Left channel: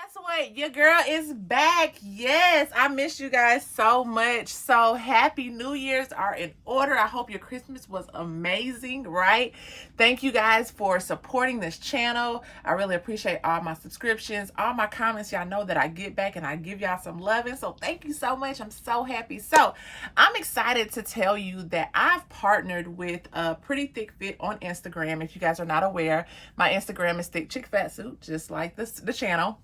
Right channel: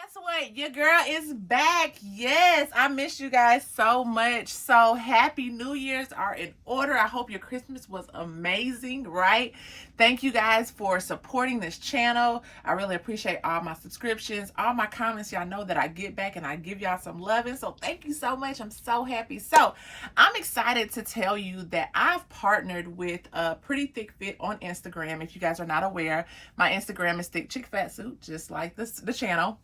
Guess what? Your girl is back. Yes, I miss you guys so much. So happy New Year's are in order. I hope your Christmas was amazing, right? Thank you guys for supporting this channel. I really appreciate all my subscriptions, all my comments. Y'all know that I get back and I give y'all some loving. So thank you so much. I'm so happy. So I'm excited to tell you that I've partnered with a Pretty Thick Fit on Instagram. If you guys are not aware, my Instagram is Thick Chick Fat Suit, just like the channel.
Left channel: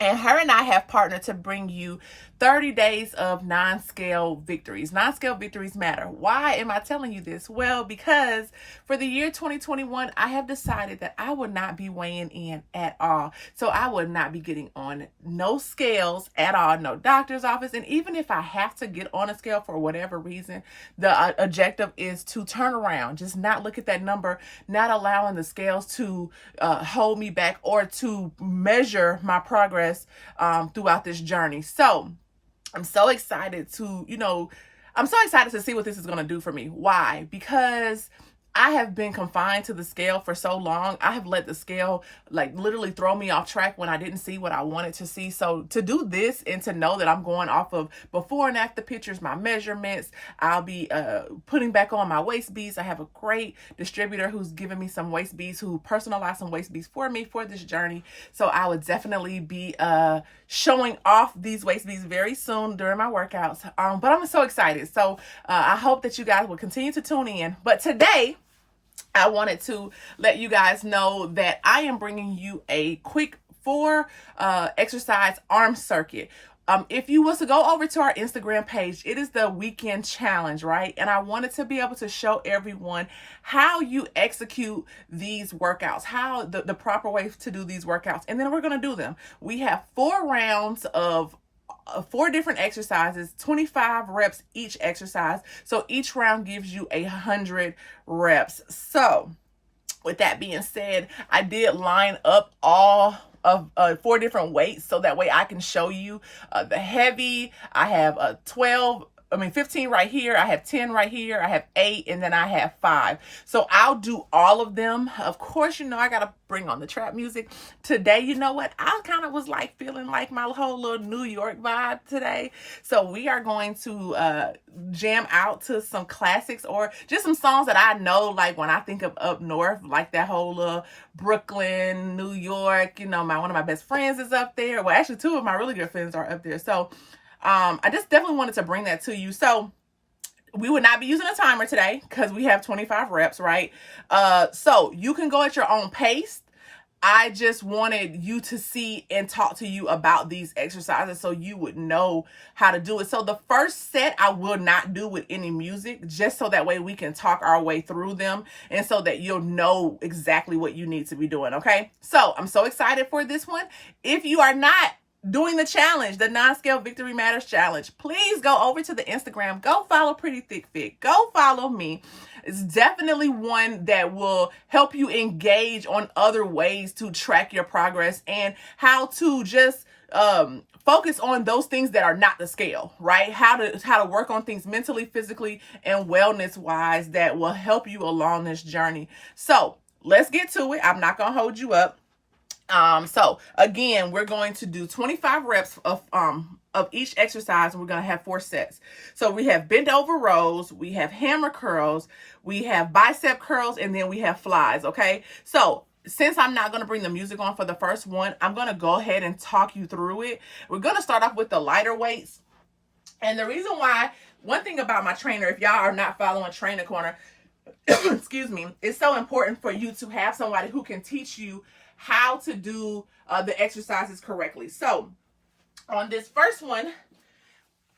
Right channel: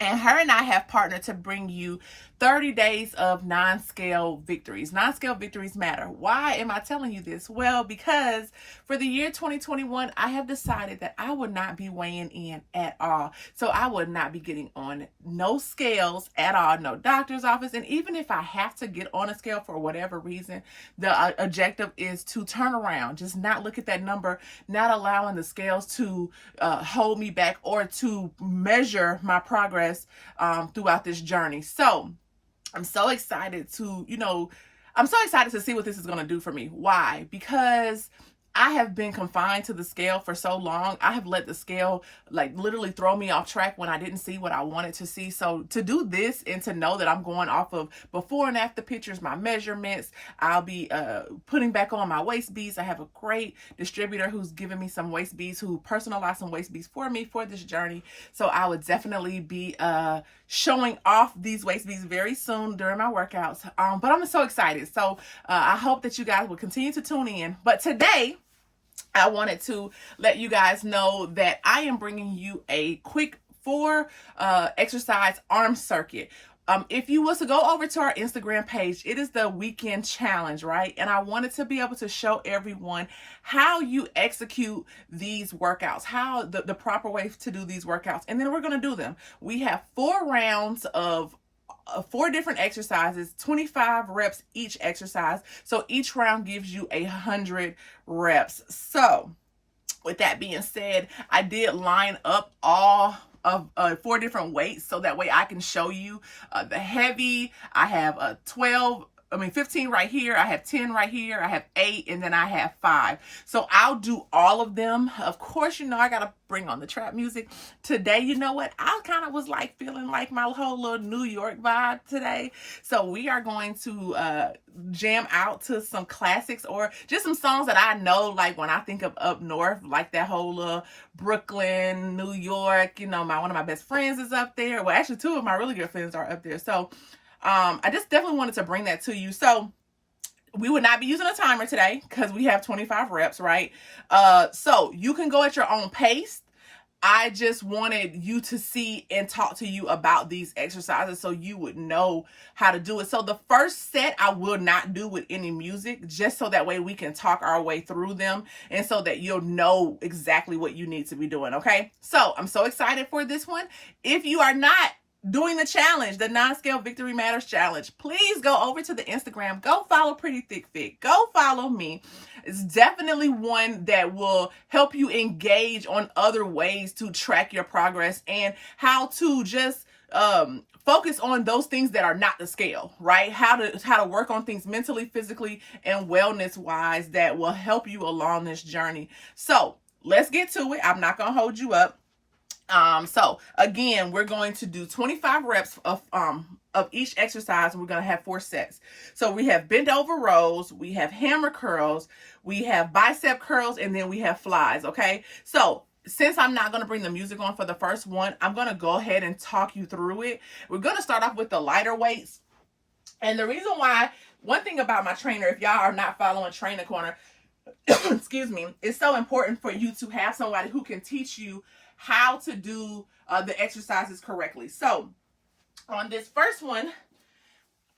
And her and I have partnered to bring you 30 days of non-scale victories. Non-scale victories matter. Why am I telling you this? Well, because for the year 2021, I have decided that I would not be weighing in at all. So I would not be getting on no scales at all, no doctor's office. And even if I have to get on a scale for whatever reason, the objective is to turn around, just not look at that number, not allowing the scales to hold me back or to measure my progress throughout this journey. So I'm so excited to, I'm so excited to see what this is going to do for me. Why? Because I have been confined to the scale for so long. I have let the scale literally throw me off track when I didn't see what I wanted to see. So to do this and to know that I'm going off of before and after pictures, my measurements, I'll be putting back on my waist beads. I have a great distributor who's giving me some waist beads, who personalized some waist beads for me for this journey. So I would definitely be showing off these waist beads very soon during my workouts. But I'm so excited. So I hope that you guys will continue to tune in. But today, I wanted to let you guys know that I am bringing you a quick 4 exercise arm circuit. If you was to go over to our Instagram page, it is the weekend challenge, right? And I wanted to be able to show everyone how you execute these workouts, how the proper way to do these workouts. And then we're going to do them. We have 4 rounds of 4 different exercises, 25 reps each exercise. So each round gives you 100 reps. So with that being said, I did line up all of 4 different weights so that way I can show you the heavy. I have 15 right here. I have 10 right here. I have 8, and then I have 5. So I'll do all of them. Of course, I got to bring on the trap music. Today, you know what? I kind of was feeling like my whole little New York vibe today. So we are going to jam out to some classics or just some songs that I know, like when I think of up north, like that whole Brooklyn, New York, one of my best friends is up there. Well, actually 2 of my really good friends are up there. So I just definitely wanted to bring that to you. So we would not be using a timer today because we have 25 reps, right? So you can go at your own pace. I just wanted you to see and talk to you about these exercises so you would know how to do it. So the first set I will not do with any music, just so that way we can talk our way through them and so that you'll know exactly what you need to be doing, okay? So I'm so excited for this one. If you are not doing the challenge, the non-scale victory matters challenge, please go over to the Instagram, go follow Pretty Thick Fit, go follow me. It's definitely one that will help you engage on other ways to track your progress and how to just focus on those things that are not the scale, right? How to work on things mentally, physically, and wellness wise that will help you along this journey. So let's get to it. I'm not gonna hold you up. So again, we're going to do 25 reps of each exercise, and we're going to have 4 sets. So we have bent over rows, we have hammer curls, we have bicep curls, and then we have flies. Okay. So since I'm not going to bring the music on for the first one, I'm going to go ahead and talk you through it. We're going to start off with the lighter weights. And the reason why, one thing about my trainer, if y'all are not following Trainer Corner, excuse me, it's so important for you to have somebody who can teach you how to do the exercises correctly. So on this first one,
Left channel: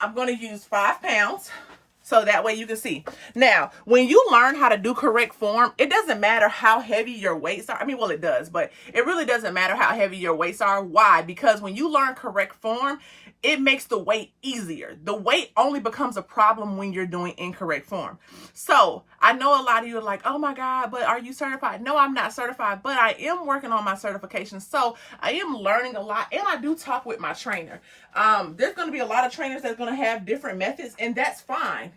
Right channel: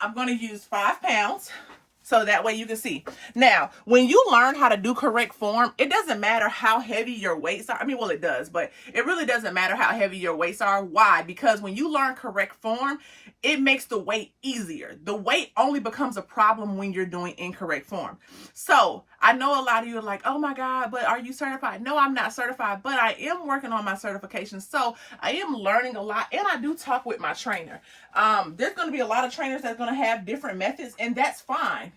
I'm going to use 5 pounds so that way you can see. Now, when you learn how to do correct form, it doesn't matter how heavy your weights are. I mean, well, it does, but it really doesn't matter how heavy your weights are. Why? Because when you learn correct form, it makes the weight easier. The weight only becomes a problem when you're doing incorrect form. So I know a lot of you are like, oh my God, but are you certified? No, I'm not certified, but I am working on my certification. So I am learning a lot, and I do talk with my trainer. There's going to be a lot of trainers that's going to have different methods, and that's fine.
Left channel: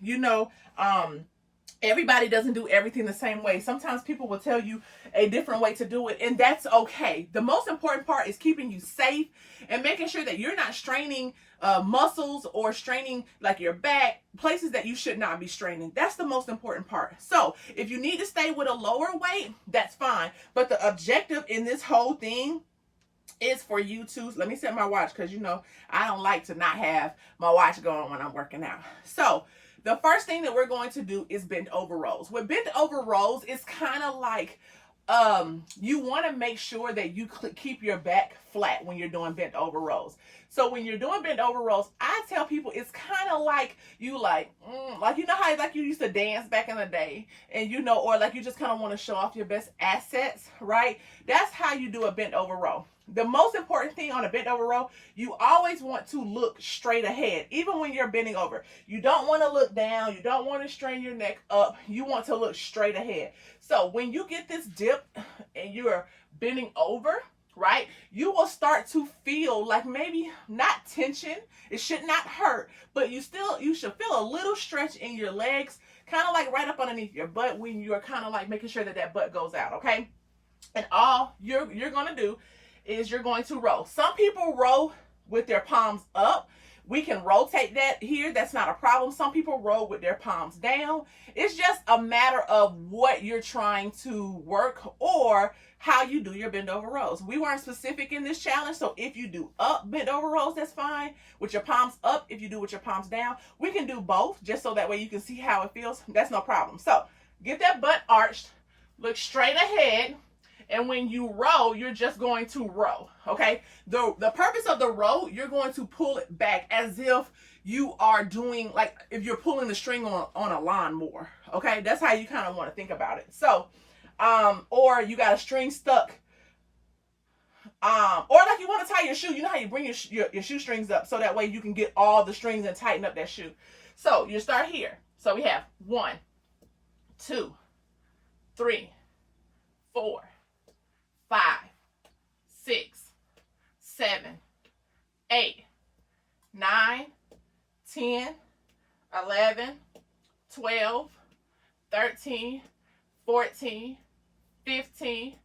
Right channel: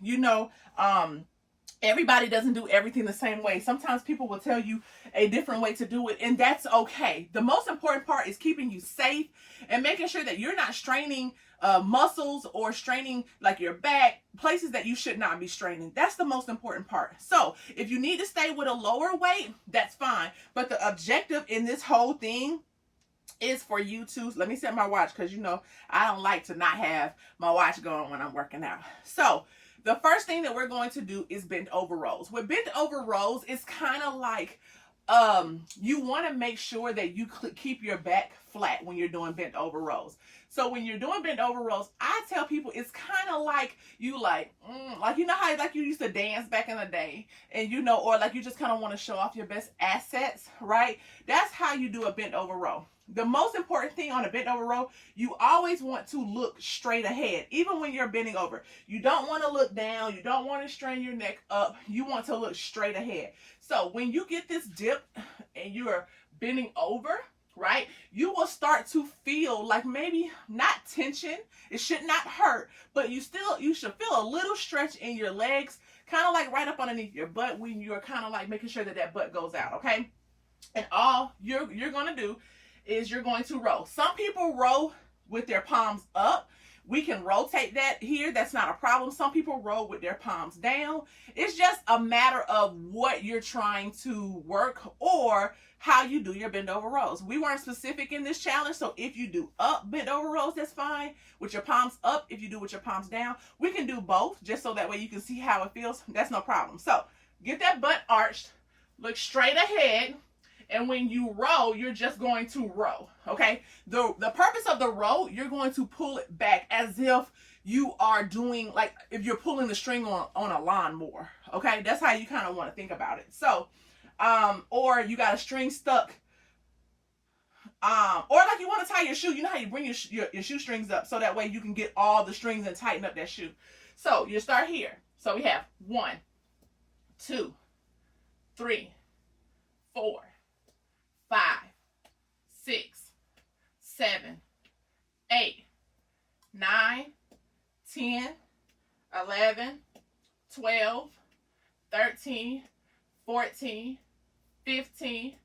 Everybody doesn't do everything the same way. Sometimes people will tell you a different way to do it, and that's okay. The most important part is keeping you safe and making sure that you're not straining muscles or straining like your back, places that you should not be straining. That's the most important part. So if you need to stay with a lower weight, that's fine. But the objective in this whole thing is for you to, let me set my watch, because you know I don't like to not have my watch going when I'm working out. So the first thing that we're going to do is bent over rows. With bent over rows, it's kind of like you want to make sure that you keep your back flat when you're doing bent over rows. So when you're doing bent over rows, I tell people it's kind of like you like you know how like you used to dance back in the day, and you know, or like you just kind of want to show off your best assets, right? That's how you do a bent over row. The most important thing on a bent over row, you always want to look straight ahead, even when you're bending over. You don't want to look down. You don't want to strain your neck up. You want to look straight ahead. So when you get this dip and you are bending over, right, you will start to feel like maybe not tension. It should not hurt, but you should feel a little stretch in your legs, kind of like right up underneath your butt when you're kind of like making sure that that butt goes out, okay? And all you're going to do is you're going to row. Some people row with their palms up. We can rotate that here. That's not a problem. Some people row with their palms down. It's just a matter of what you're trying to work or how you do your bend over rows. We weren't specific in this challenge, so if you do up bent over rows, that's fine. With your palms up, if you do with your palms down, we can do both just so that way you can see how it feels. That's no problem. So get that butt arched, look straight ahead. And when you row, you're just going to row, okay? The purpose of the row, you're going to pull it back as if you are doing, like if you're pulling the string on a lawnmower, okay? That's how you kind of want to think about it. So, or you got a string stuck, or like you want to tie your shoe. You know how you bring your shoestrings up so that way you can get all the strings and tighten up that shoe. So you start here. So we have 1, 2, 3, 4, 5, 6, 7, 8, 9, 10, 11, 12, 13, 14, 15,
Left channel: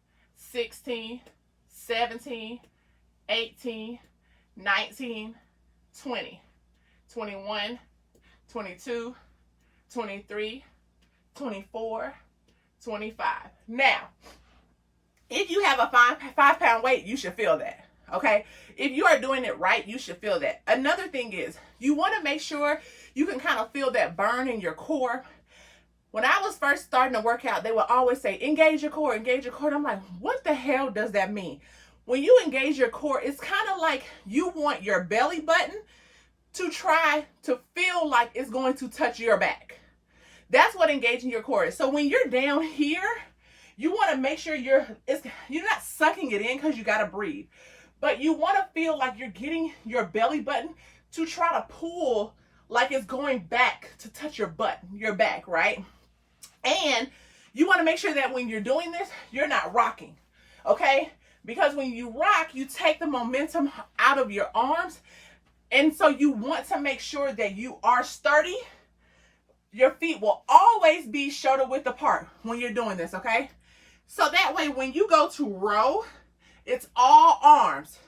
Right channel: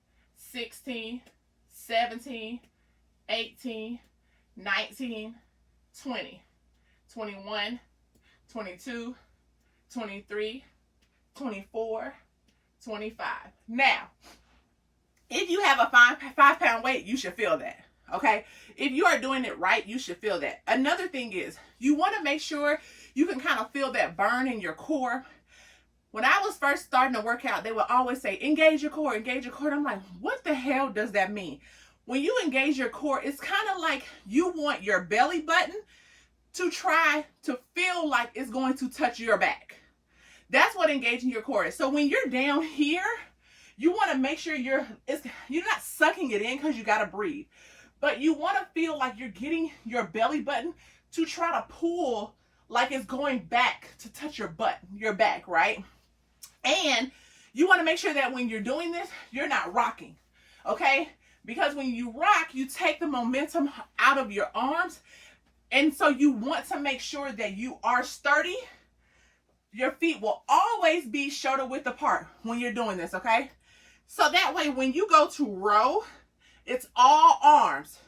16, 17, 18, 19, 20, 21, 22, 23, 24, 25. Now, if you have a five pound weight, you should feel that, okay? If you are doing it right, you should feel that. Another thing is, you want to make sure you can kind of feel that burn in your core. When I was first starting to work out, they would always say, engage your core, engage your core. And I'm like, what the hell does that mean? When you engage your core, it's kind of like you want your belly button to try to feel like it's going to touch your back. That's what engaging your core is. So when you're down here, you want to make sure you're not sucking it in because you got to breathe. But you want to feel like you're getting your belly button to try to pull like it's going back to touch your butt, your back, right? And you want to make sure that when you're doing this, you're not rocking, okay? Because when you rock, you take the momentum out of your arms. And so you want to make sure that you are sturdy. Your feet will always be shoulder width apart when you're doing this, okay? So that way, when you go to row, it's all arms.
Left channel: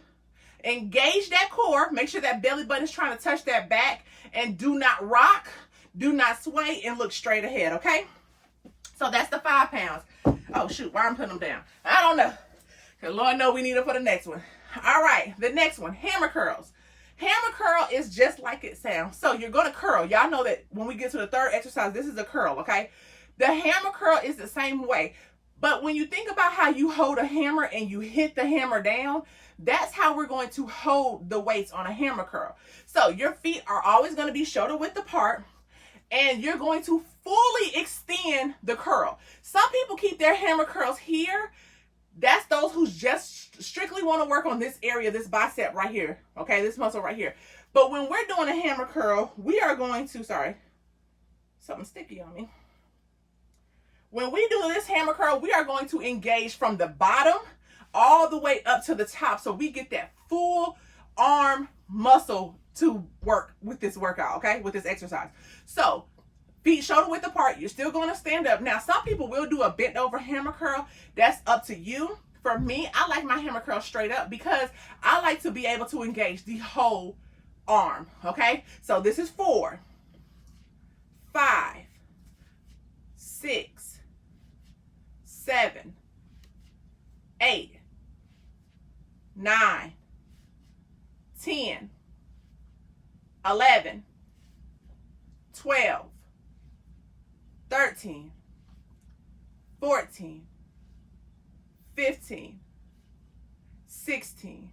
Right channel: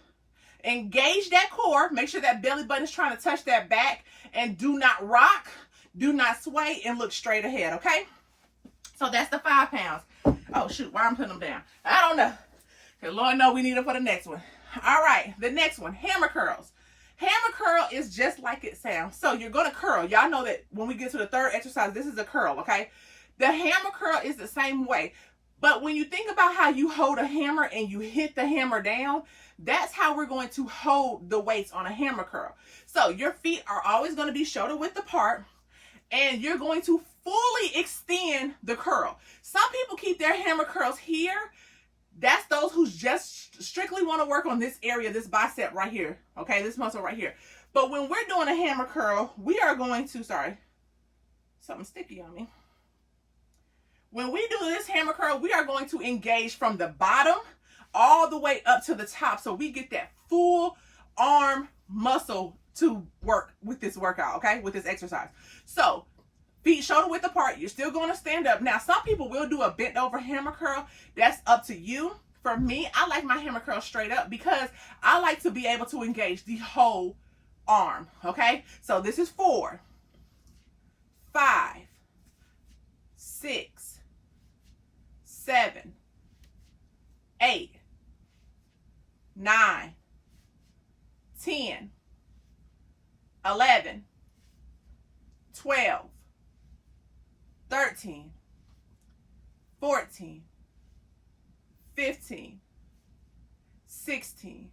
Engage that core. Make sure that belly button is trying to touch that back. And do not rock, do not sway, and look straight ahead, okay? So that's the 5 pounds. Oh, shoot, why I'm putting them down? I don't know. Because Lord knows we need them for the next one. All right, the next one, hammer curls. Hammer curl is just like it sounds. So you're going to curl. Y'all know that when we get to the third exercise, this is a curl, okay? The hammer curl is the same way. But when you think about how you hold a hammer and you hit the hammer down, that's how we're going to hold the weights on a hammer curl. So your feet are always going to be shoulder width apart, and you're going to fully extend the curl. Some people keep their hammer curls here. That's those who just strictly want to work on this area, this bicep right here, okay, this muscle right here. But when we're doing a hammer curl, we are going to, sorry, something sticky on me. When we do this hammer curl, we are going to engage from the bottom all the way up to the top, so we get that full arm muscle to work with this workout, okay, with this exercise. So Feet shoulder width apart. You're still going to stand up. Now, some people will do a bent over hammer curl. That's up to you. For me, I like my hammer curl straight up because I like to be able to engage the whole arm. Okay, so this is 4, 5, 6, 7, 8, 9, 10, 11, 12, 13, 14, 15, 16,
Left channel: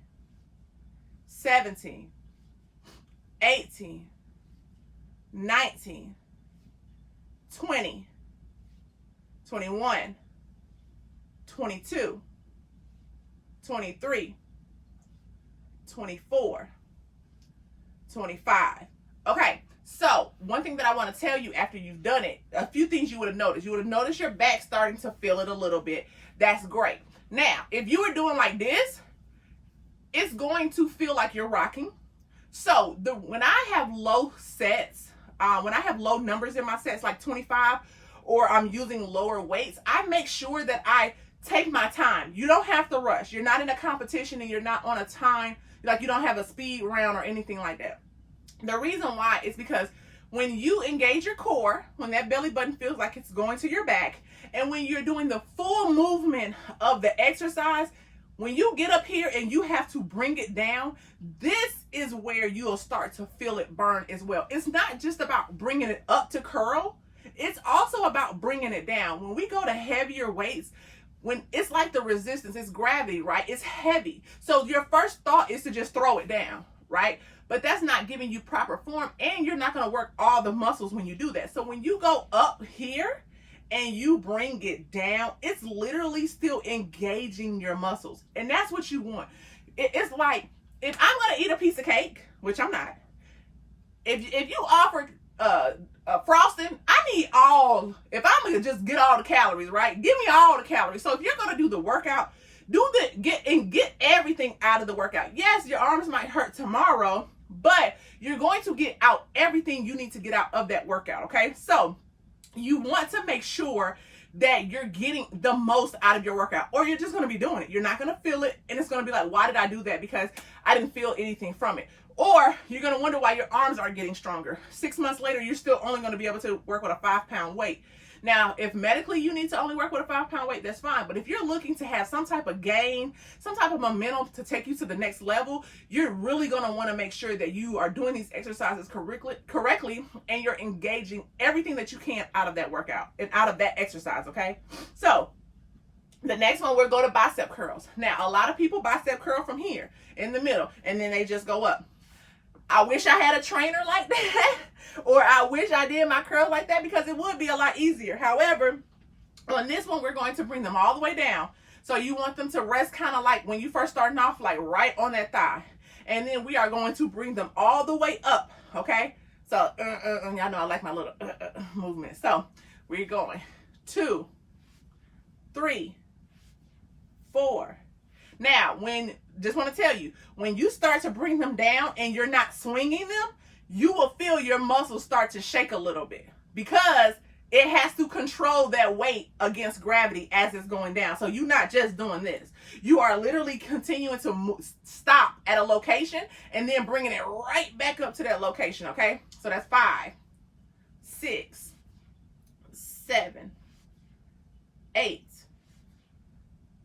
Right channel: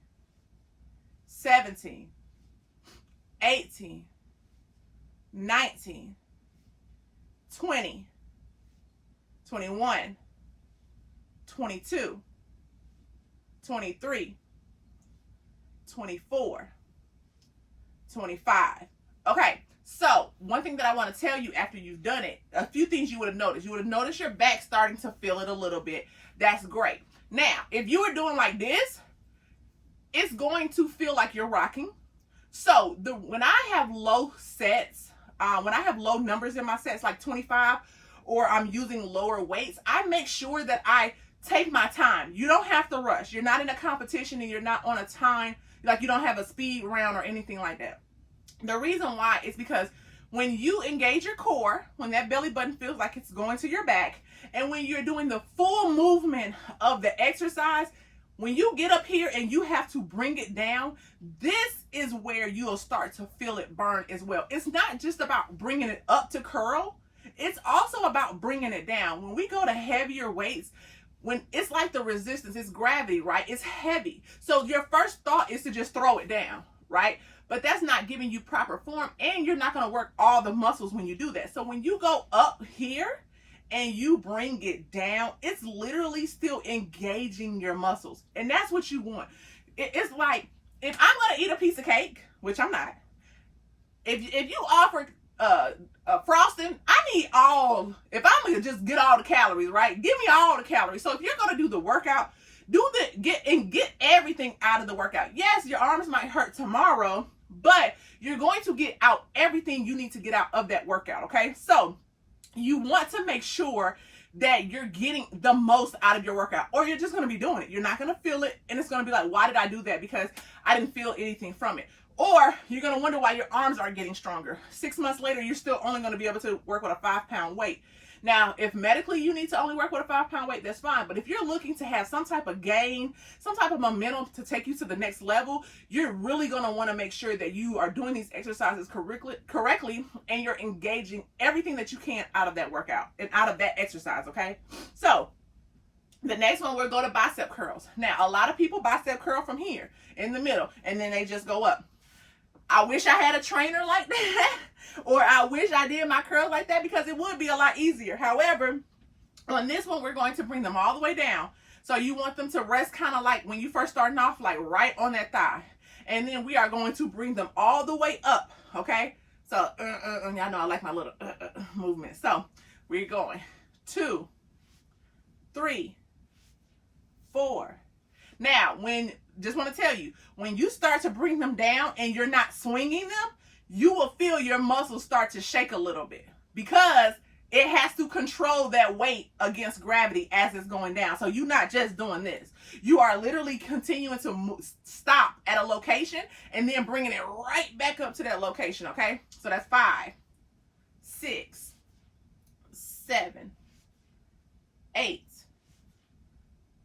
17, 18, 19, 20, 21, 22, 23, 24, 25. Okay, so one thing that I want to tell you after you've done it, a few things you would have noticed. You would have noticed your back starting to feel it a little bit. That's great. Now, if you were doing like this, it's going to feel like you're rocking. So when I have low sets, when I have low numbers in my sets, like 25, or I'm using lower weights, I make sure that I take my time. You don't have to rush. You're not in a competition and you're not on a time, like you don't have a speed round or anything like that. The reason why is because when you engage your core, when that belly button feels like it's going to your back, and when you're doing the full movement of the exercise, when you get up here and you have to bring it down, this is where you'll start to feel it burn as well. It's not just about bringing it up to curl. It's also about bringing it down. When we go to heavier weights, when it's like the resistance, it's gravity, right? It's heavy. So your first thought is to just throw it down, right? But that's not giving you proper form, and you're not going to work all the muscles when you do that. So when you go up here and you bring it down, it's literally still engaging your muscles. And that's what you want. It's like, if I'm going to eat a piece of cake, which I'm not, if you offered frosting, I need all, if I'm going to just get all the calories, right? Give me all the calories. So if you're going to do the workout, get everything out of the workout. Yes, your arms might hurt tomorrow, but you're going to get out everything you need to get out of that workout, okay? So you want to make sure that you're getting the most out of your workout, or you're just going to be doing it. You're not going to feel it, and it's going to be like, why did I do that? Because I didn't feel anything from it. Or you're going to wonder why your arms aren't getting stronger. 6 months later, you're still only going to be able to work with a 5-pound weight. Now, if medically you need to only work with a 5-pound weight, that's fine. But if you're looking to have some type of gain, some type of momentum to take you to the next level, you're really going to want to make sure that you are doing these exercises correctly, and you're engaging everything that you can out of that workout and out of that exercise, okay? So the next one, we'll go to bicep curls. Now, a lot of people bicep curl from here in the middle, and then they just go up. I wish I had a trainer like that, or I wish I did my curls like that, because it would be a lot easier. However, on this one, we're going to bring them all the way down. So you want them to rest kind of like when you first starting off, like right on that thigh. And then we are going to bring them all the way up, okay? So, y'all know I like my little movement. So we're going 2, 3, 4. Now, just want to tell you, when you start to bring them down and you're not swinging them, you will feel your muscles start to shake a little bit, because it has to control that weight against gravity as it's going down. So you're not just doing this. You are literally continuing to stop at a location and then bringing it right back up to that location, okay? So that's 5, 6, 7, 8,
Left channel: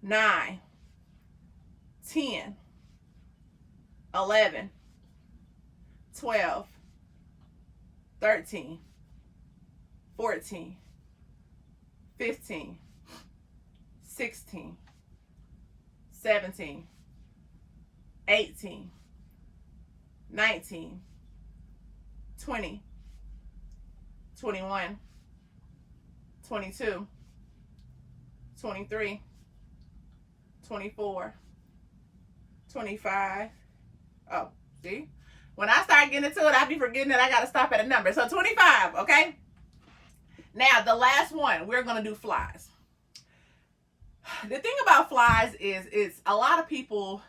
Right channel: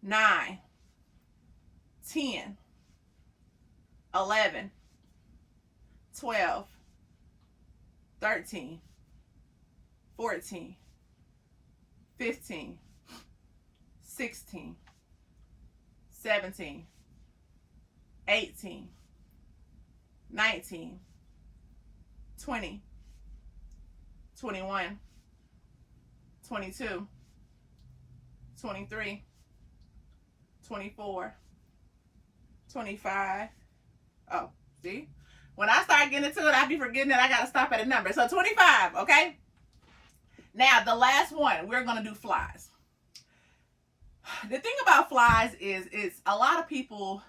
9, 10, 11, 12, 13, 14, 15, 16, 17, 18, 19, 20, 21, 22, 23, 24, 25. Oh, see? When I start getting into it, I be forgetting that I got to stop at a number. So 25, okay? Now, the last one, we're going to do flies. The thing about flies is a lot of people,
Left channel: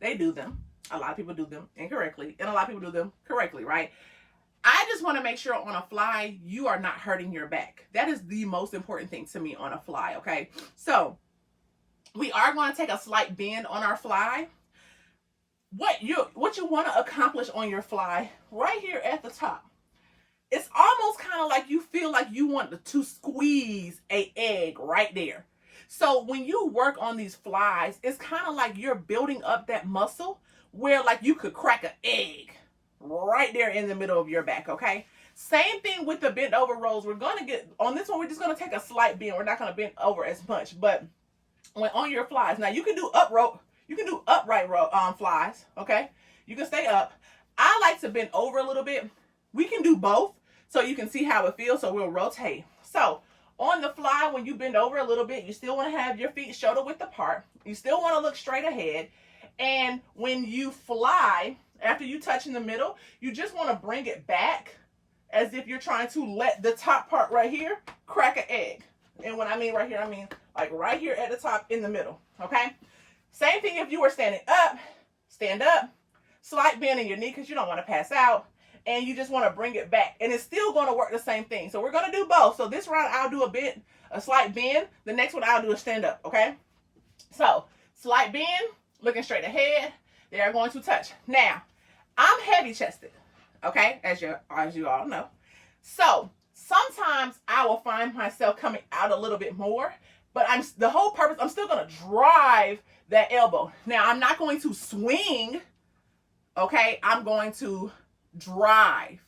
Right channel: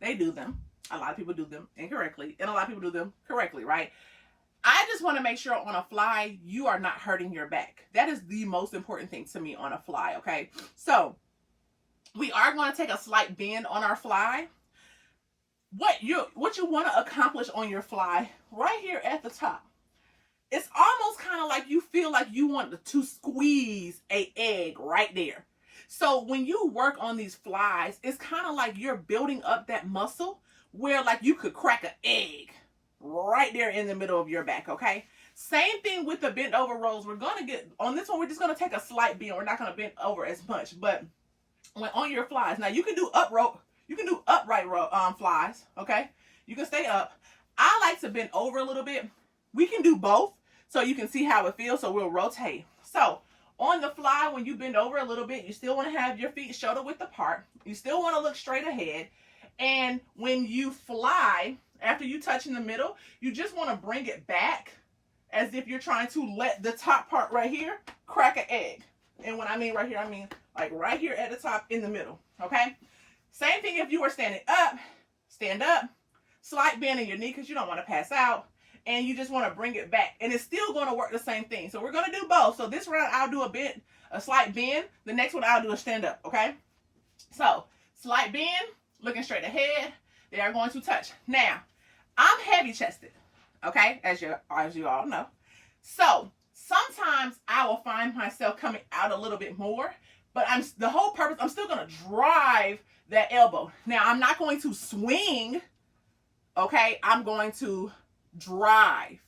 they do them. A lot of people do them incorrectly, and a lot of people do them correctly, right? I just want to make sure on a fly, you are not hurting your back. That is the most important thing to me on a fly, okay? So we are going to take a slight bend on our fly. What you want to accomplish on your fly right here at the top, it's almost kind of like you feel like you want to squeeze an egg right there. So when you work on these flies, it's kind of like you're building up that muscle where like you could crack an egg right there in the middle of your back, okay? Same thing with the bent over rolls. We're going to get, on this one, we're just going to take a slight bend. We're not going to bend over as much, but when on your flies, now you can do upright flies, okay? You can stay up. I like to bend over a little bit. We can do both so you can see how it feels, so we'll rotate. So on the fly, when you bend over a little bit, you still want to have your feet shoulder width apart. You still want to look straight ahead. And when you fly, after you touch in the middle, you just want to bring it back as if you're trying to let the top part right here crack an egg. And when I mean right here, I mean like right here at the top in the middle, okay? Same thing if you were standing up, stand up, slight bend in your knee because you don't want to pass out, and you just want to bring it back. And it's still going to work the same thing. So we're going to do both. So this round, I'll do a slight bend. The next one, I'll do a stand up, okay? So slight bend, looking straight ahead. They are going to touch. Now, I'm heavy chested, okay, as you all know. So sometimes I will find myself coming out a little bit more, but the whole purpose, I'm still going to drive that elbow. Now, I'm not going to swing, okay? I'm going to drive,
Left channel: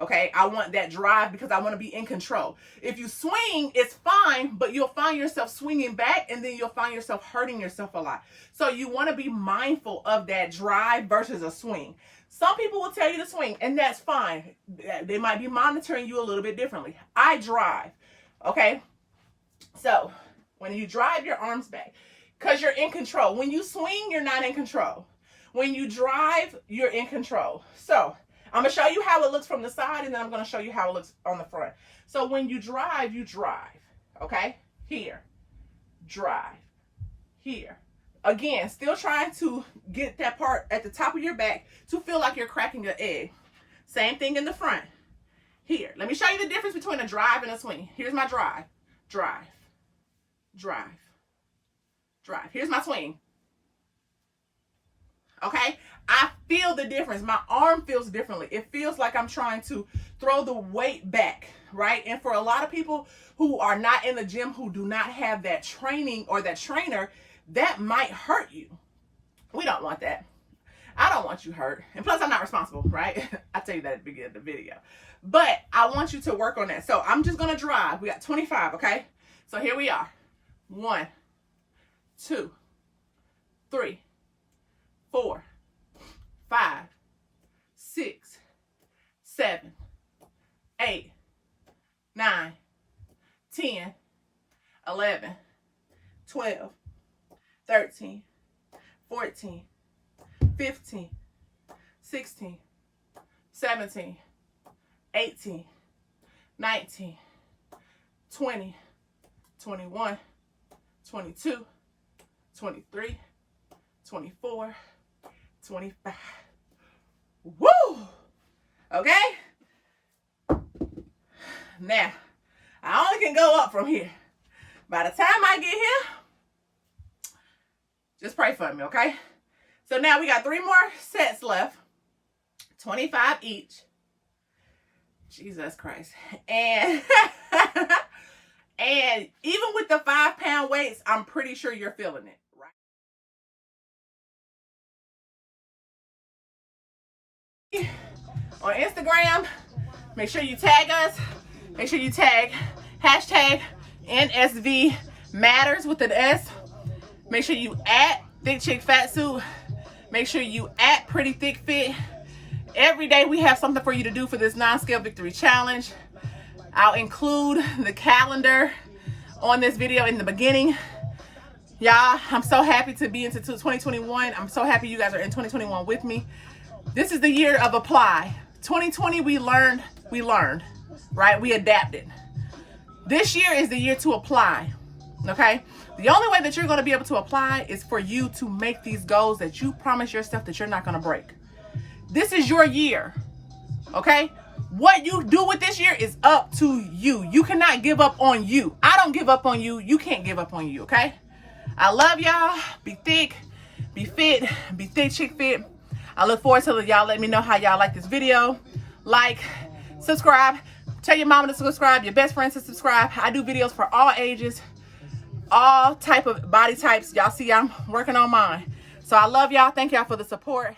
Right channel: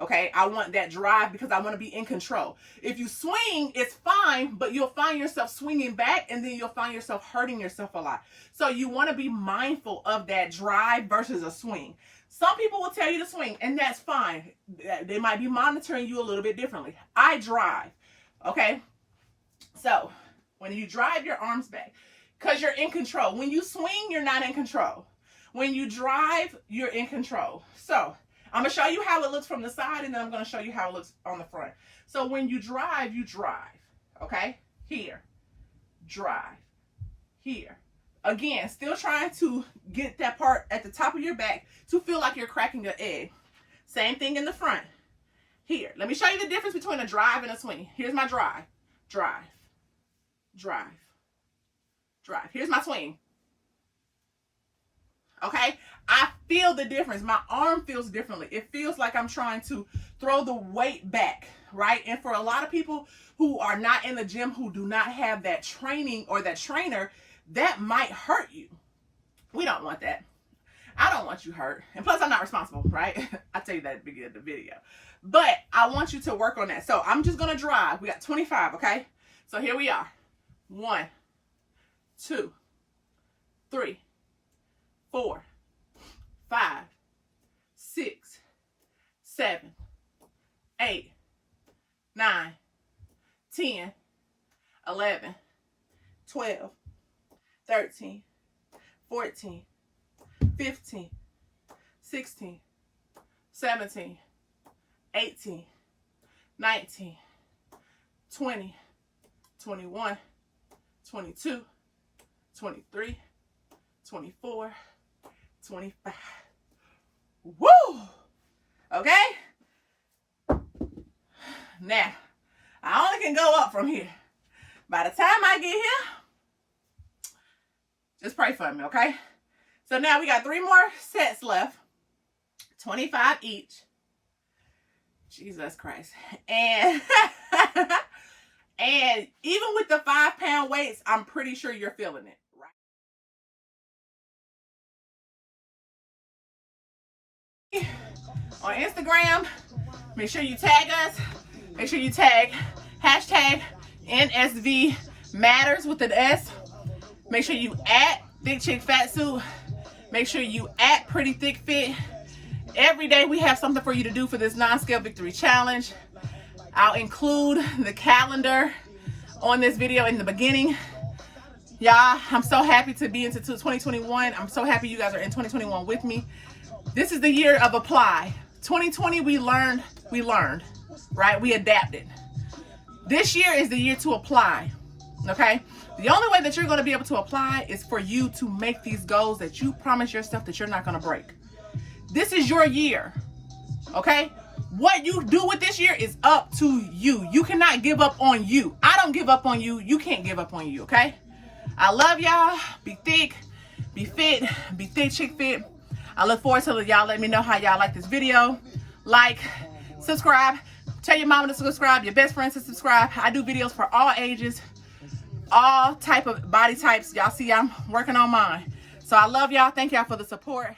okay? I want that drive because I want to be in control. If you swing, it's fine, but you'll find yourself swinging back, and then you'll find yourself hurting yourself a lot. So you want to be mindful of that drive versus a swing. Some people will tell you to swing, and that's fine. They might be monitoring you a little bit differently. I drive, okay? So when you drive your arms back, because you're in control. When you swing, you're not in control. When you drive, you're in control. So I'm going to show you how it looks from the side, and then I'm going to show you how it looks on the front. So when you drive, okay? Here, drive, here. Again, still trying to get that part at the top of your back to feel like you're cracking an egg. Same thing in the front. Here, let me show you the difference between a drive and a swing. Here's my drive, drive, drive, drive. Here's my swing. Okay, I feel the difference. My arm feels differently. It feels like I'm trying to throw the weight back, right? And for a lot of people who are not in the gym, who do not have that training or that trainer, that might hurt you. We don't want that. I don't want you hurt. And plus, I'm not responsible, right? I tell you that at the beginning of the video. But I want you to work on that. So I'm just going to drive. We got 25, okay? So here we are. 1, 2, 3, 4, 5, 6, 7, 8, 9, 10, 11, 12, 13, 14, 15, 16, 17, 18, 19, 20, 21, 22, 23, 24, 25. Woo! Okay? Now, I only can go up from here. By the time I get here, just pray for me, okay? So now we got 3 more sets left. 25 each. Jesus Christ. And and even with the 5-pound weights, I'm pretty sure you're feeling it, right? On Instagram, make sure you tag us. Make sure you tag hashtag Nsv Matters with an S. Make sure you at Thick Chick Fat Suit. Make sure you at Pretty Thick Fit. Every day we have something for you to do for this non-scale victory challenge. I'll include the calendar on this video in the beginning. Y'all, I'm so happy to be into 2021. I'm so happy you guys are in 2021 with me. This is the year of apply. 2020, we learned, right? We adapted. This year is the year to apply, okay? The only way that you're going to be able to apply is for you to make these goals that you promise yourself that you're not going to break. This is your year, okay? What you do with this year is up to you. You cannot give up on you. I don't give up on you. You can't give up on you, okay? I love y'all. Be thick, be fit, be thick, chick fit. I look forward to y'all let me know how y'all like this video. Like, subscribe. Tell your mama to subscribe, your best friends to subscribe. I do videos for all ages, all type of body types. Y'all see I'm working on mine. So I love y'all. Thank y'all for the support.